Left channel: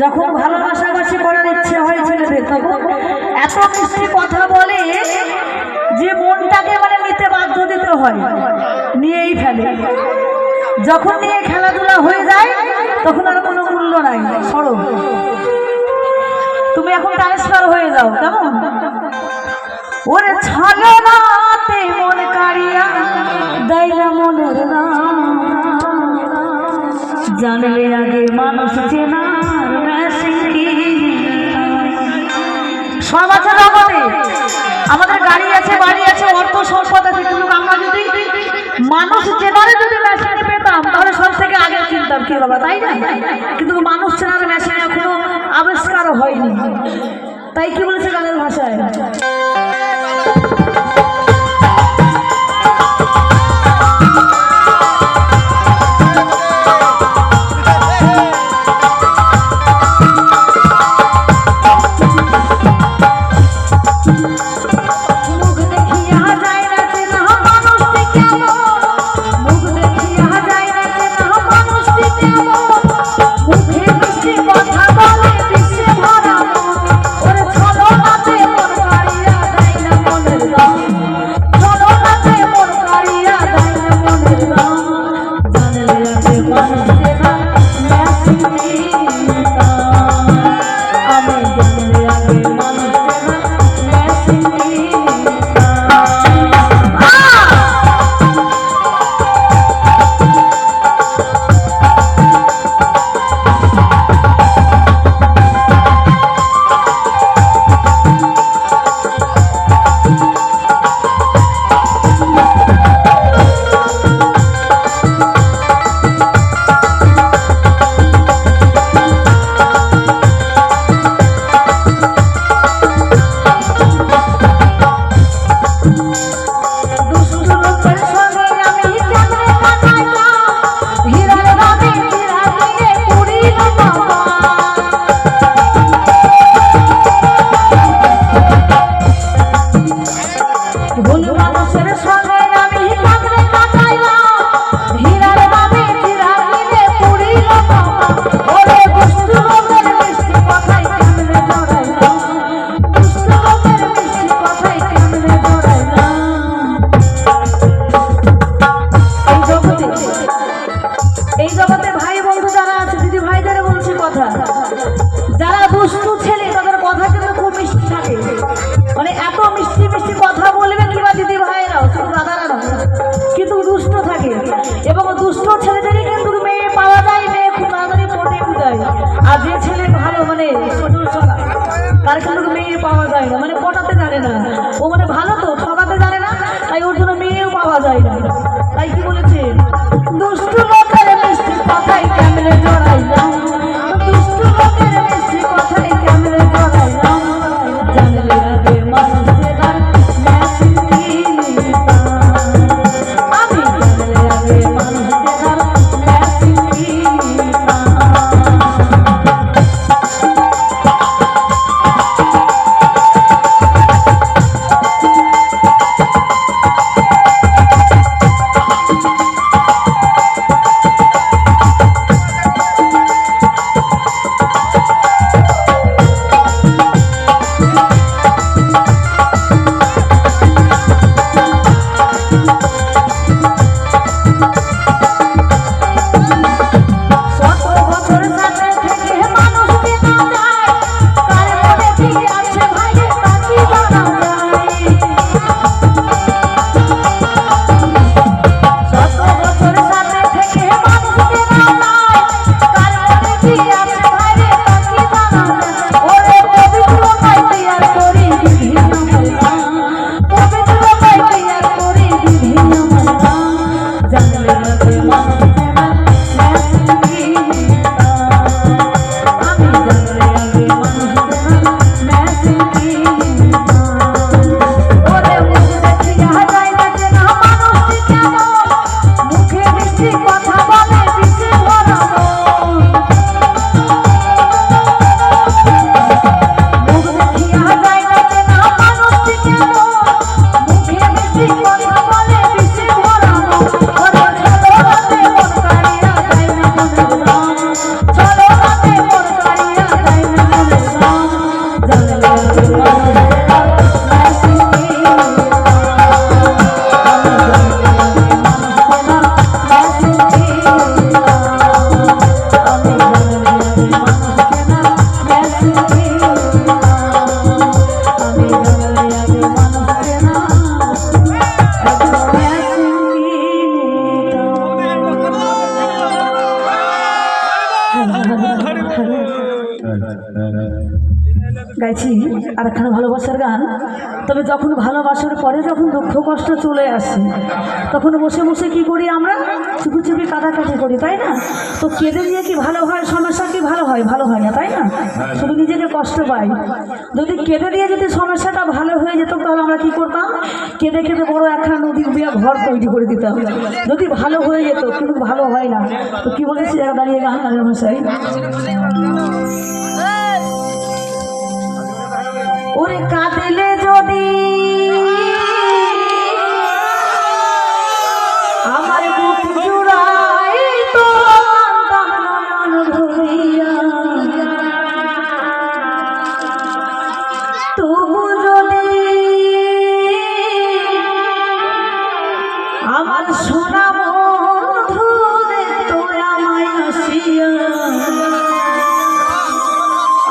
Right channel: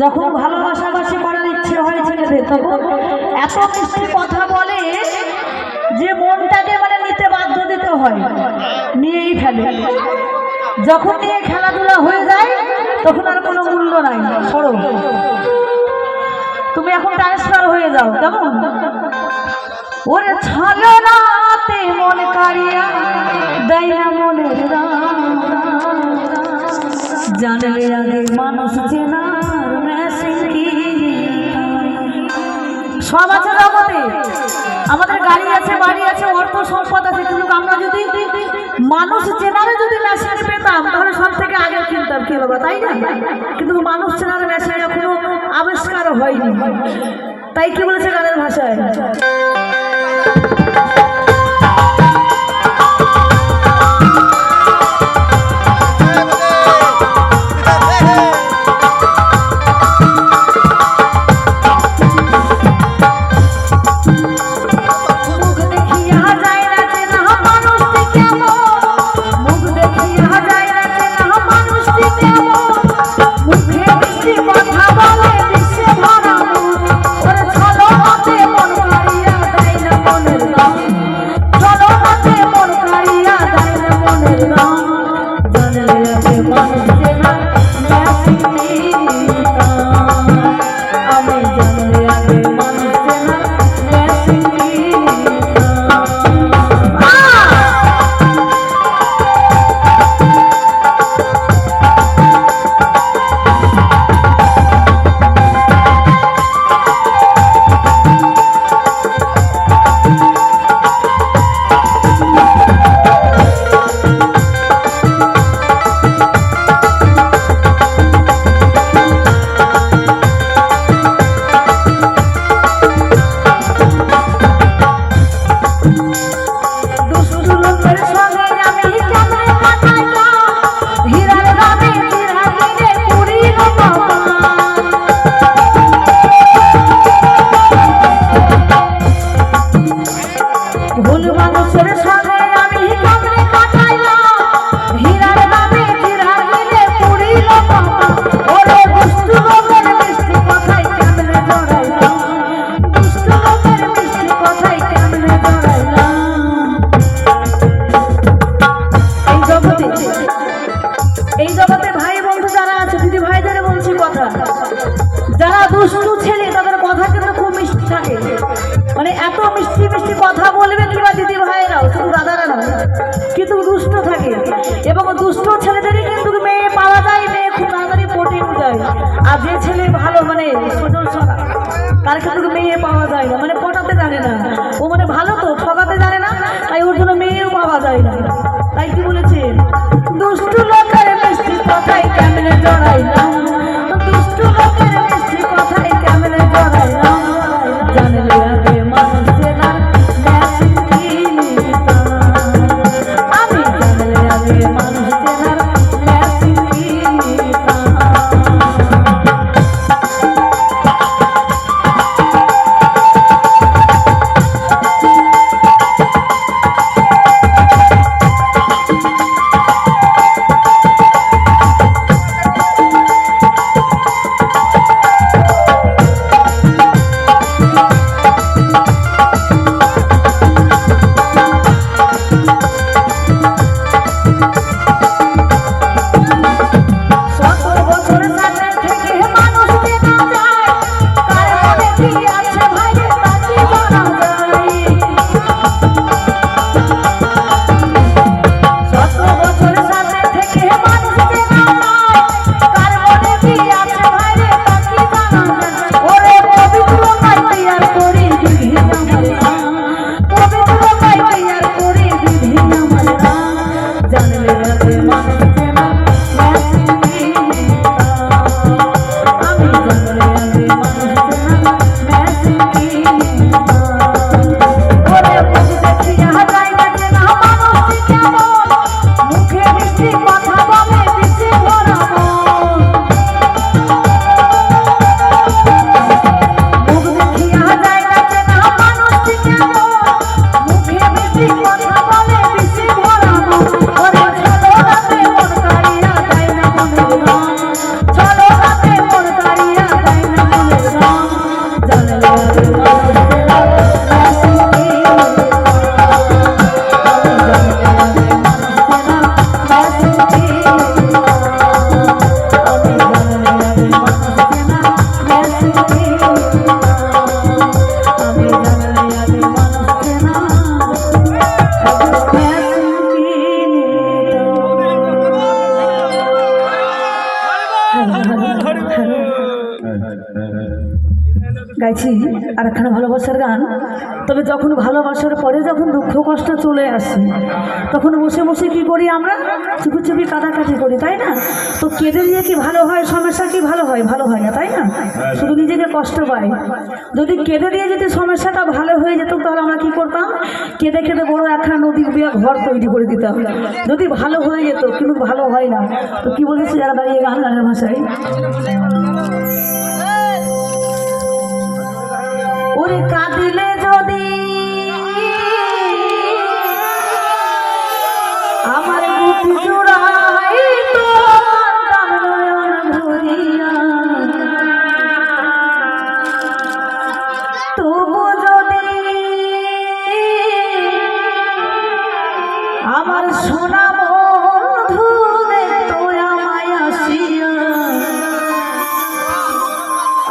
যখন ভালোবাসাবাসি করার ইচ্ছে হয় ছেলেদের তখন এত মিষ্টি কথা বলে যে মনটাকে মানে নিতে বাধ্য দিতে হয়, নিয়েই ফেলে। যখন নিয়ে খেলাধুলা হয়ে যায় তখন আর কোনো মূল্য নাই। সরো, তুমি এখন ট্রান্সফার হয়ে যাও। কেমন ওরে ছলনাতে মন কাড়িয়া দেয় মনের রাম, জানলে আগে মানুষ চেনার সব আছে জগতে। আমাদের গাড়ি আছে, বাড়ি আছে, অর্থ সম্পদ আছে, কিন্তু আমরা যদি মানুষ চেনারে যদি মেশিন পেতাম তাহলে সব থেকে আগে চিনতাম কি বাবা, তাই না? কিন্তু মানুষ চেনার মেশিন এখনো আবিষ্কার হয়নি। তাই কি বলেছে গানের ভাষায়, এই জগতে ভাই বন্ধু যারা আছে, দিদি ভাইদের বলছি কথা, যারা দুষ্টু ছেলে তাদের কথা কিন্তু খুব মিষ্টি থাকে। মানে এত মিষ্টি মিষ্টি কথা বলবে কিংবা দিদি ভাইয়েরাও, শুধু দাদারা নয়, কিন্তু দুষ্ট থাকে। এবং দুষ্ট ছেলেদেরই কিন্তু মেয়ে পাওয়া যায়, মেয়ে খুব তাড়াতাড়ি পটে যায়। আর যে ছেলে ভালো মানে সজল সোনা, তার কিন্তু মেয়ে পাওয়া যায় না, মানে পটাতে জানে না। ও মানে ভালো তো ঠকাতে জানে না, তাই ওর জন্য মেয়েও পাওয়া যায় না। তাই কি বলেছে, দুষ্টু লোকের মিষ্টি কথাই কেমনে জড়াই গাইছি আর একখানা ভালোবাসার গান। তবে যখন ভালোবাসার পরে যখন দুঃখ কষ্ট চলে আসে তখন বসে বসে কি করি আমরা, চুপি চুপি কাটাকাটি করি, তাই না? তো কেঁদে দিয়ে কি ভালো হয়? সমস্যা কি ভালো হয়? ভালো হয় না, তাই না? শুধু নিজেকে কষ্ট পাই। যদি কেঁদে দিয়ে যদি সমস্যাটা ভালো হয়ে যেত তাহলে আমরা কি করতাম? কেঁদে কেঁদে বড় একখানা নদীর বিয়া ঘর তৈরি করে দিতাম, যদি ভালো হয়ে যেত। কিন্তু ভালো হয় না। তো কি বলেছি যারা দাঁড়িয়ে গান গানের ভাষায়, ওরে কাঁদিলে যদি আমার বুক জুড়াই তো নয়ন ভরিয়া, তবু যদি আমার সোনা বন্ধু দেখতো আমায় আসিয়া,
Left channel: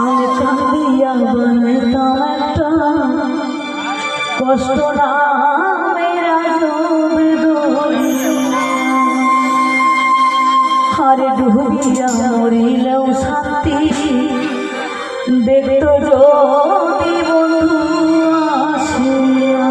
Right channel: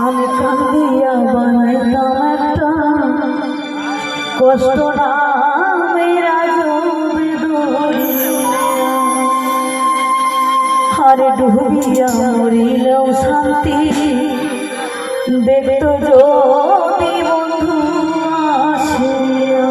আমি কাঁদিয়া বানাইতাম একটা কষ্ট নামেরা আরে ডুবিয়া মরিলেও শান্তি দেখতো যদি বন্ধু আসিয়া।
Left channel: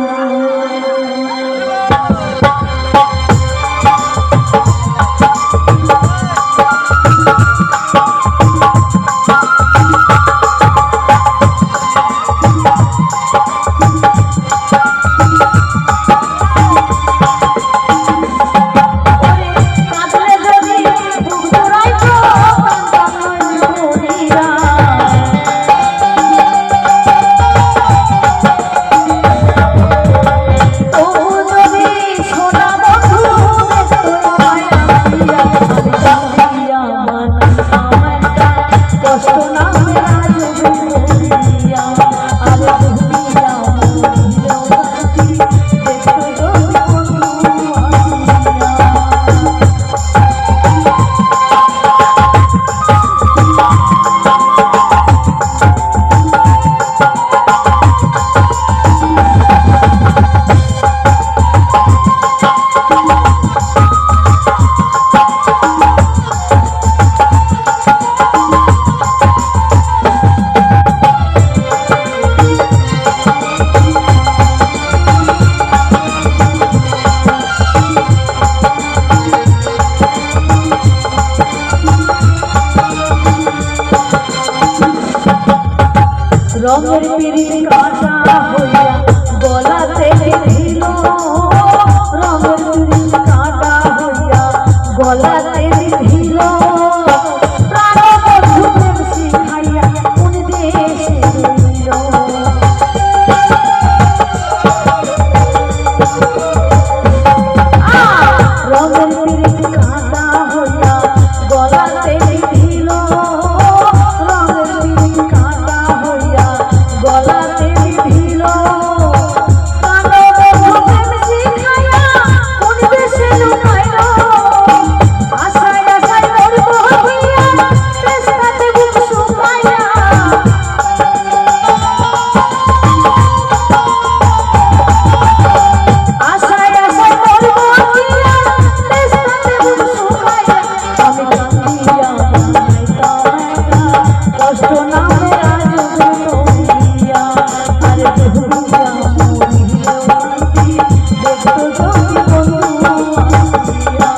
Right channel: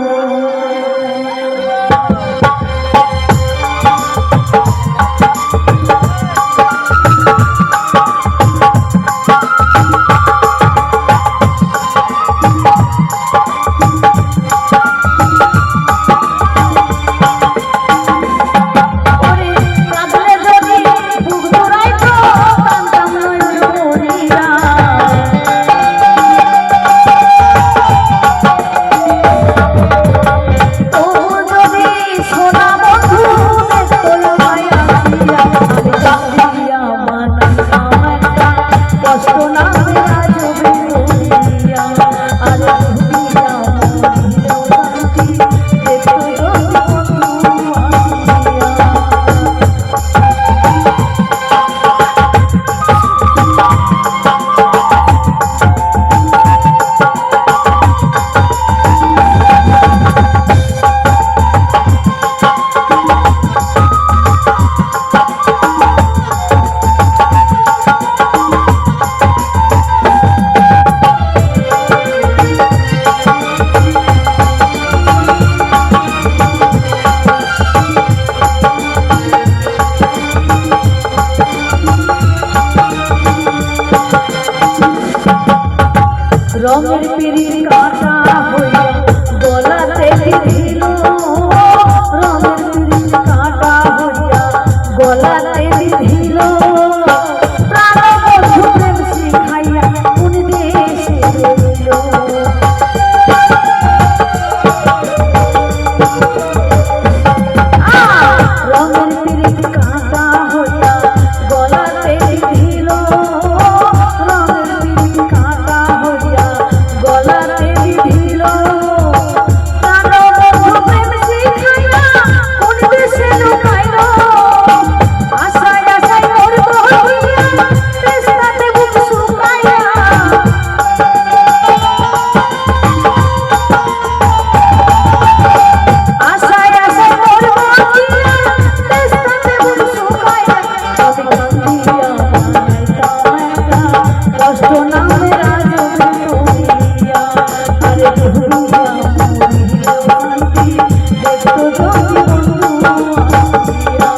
রঙের পিরিত কাঁটা হইয়া গলাতে দিল, রঙের পিরিত কাঁটা হইয়া গলাতে দিল, প্রাণ বন্ধু প্রেম শিখাইয়া কোন দেশে রইল। রঙের পিরিত কাঁটা হইয়া গলাতে দিল, রঙের পিরিত কাঁটা হইয়া গলাতে দিল, প্রাণ বন্ধু প্রেম শিখাইয়া কোন দেশে লুকাইল। আশায় আশায় মরব হইয়া তৃষ্ণাতে বুক শুকাইয়া, আশায় আশায় মরব হইয়া তৃষ্ণাতে বুক শুকাইয়া, আমি কাঁদিয়া বানাইতাম একটা কষ্ট নামের আজবে করিয়া, আরে ডুবিয়া মরিলেও শান্তি দেখতো যদি বন্ধু আসিয়া।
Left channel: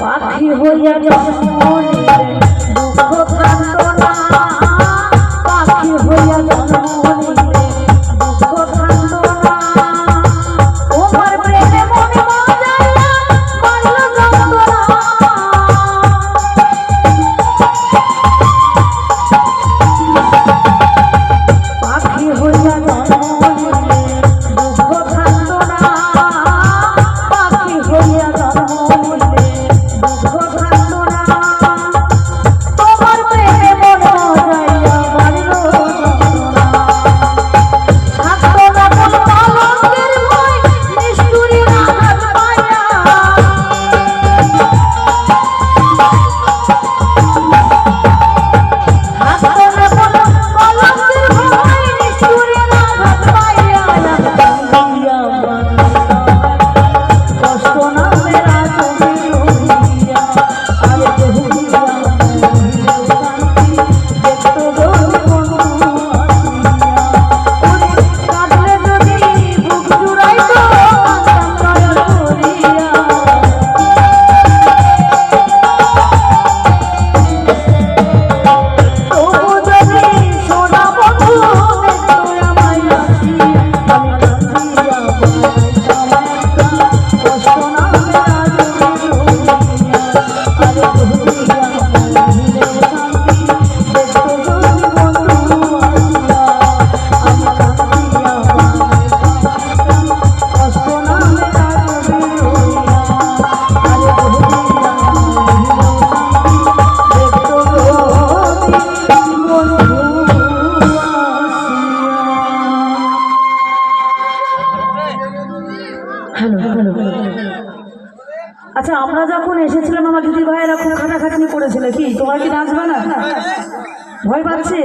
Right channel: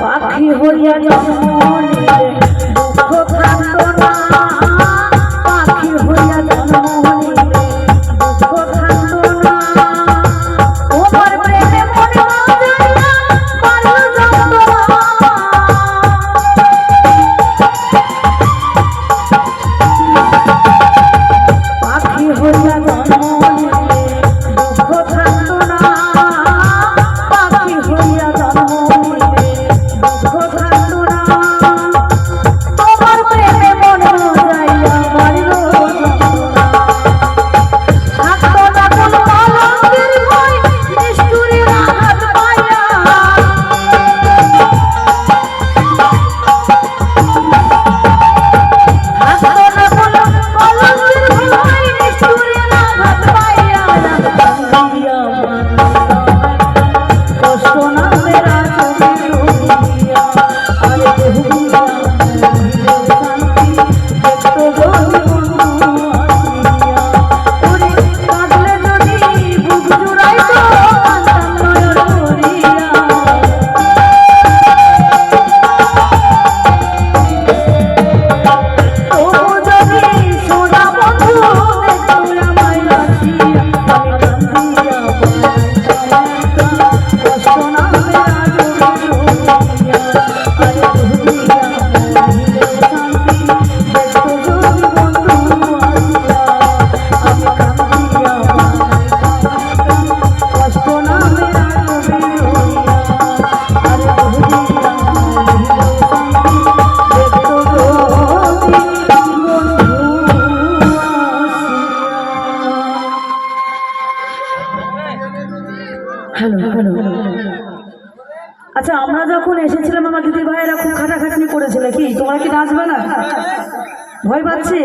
পাখি হইয়া জন্ম নিলে দুঃখ থাকতো না, পাখি হইয়া জন্ম নিলে দুঃখ থাকতো না, তোমার প্রেমে মনে বাজাইয়া বাজলো যন্ত্রণা। পাখি হইয়া জন্ম নিলে দুঃখ থাকতো না, পাখি হইয়া জন্ম নিলে হ্যালো হ্যালো। আচ্ছা আমরা যখন এসেছিলাম আমার দিদি ভাইয়েরা খুব খাটাখাটনি করেছিল, কি তোমার কি নাচবে না? ভয় পাচ্ছে?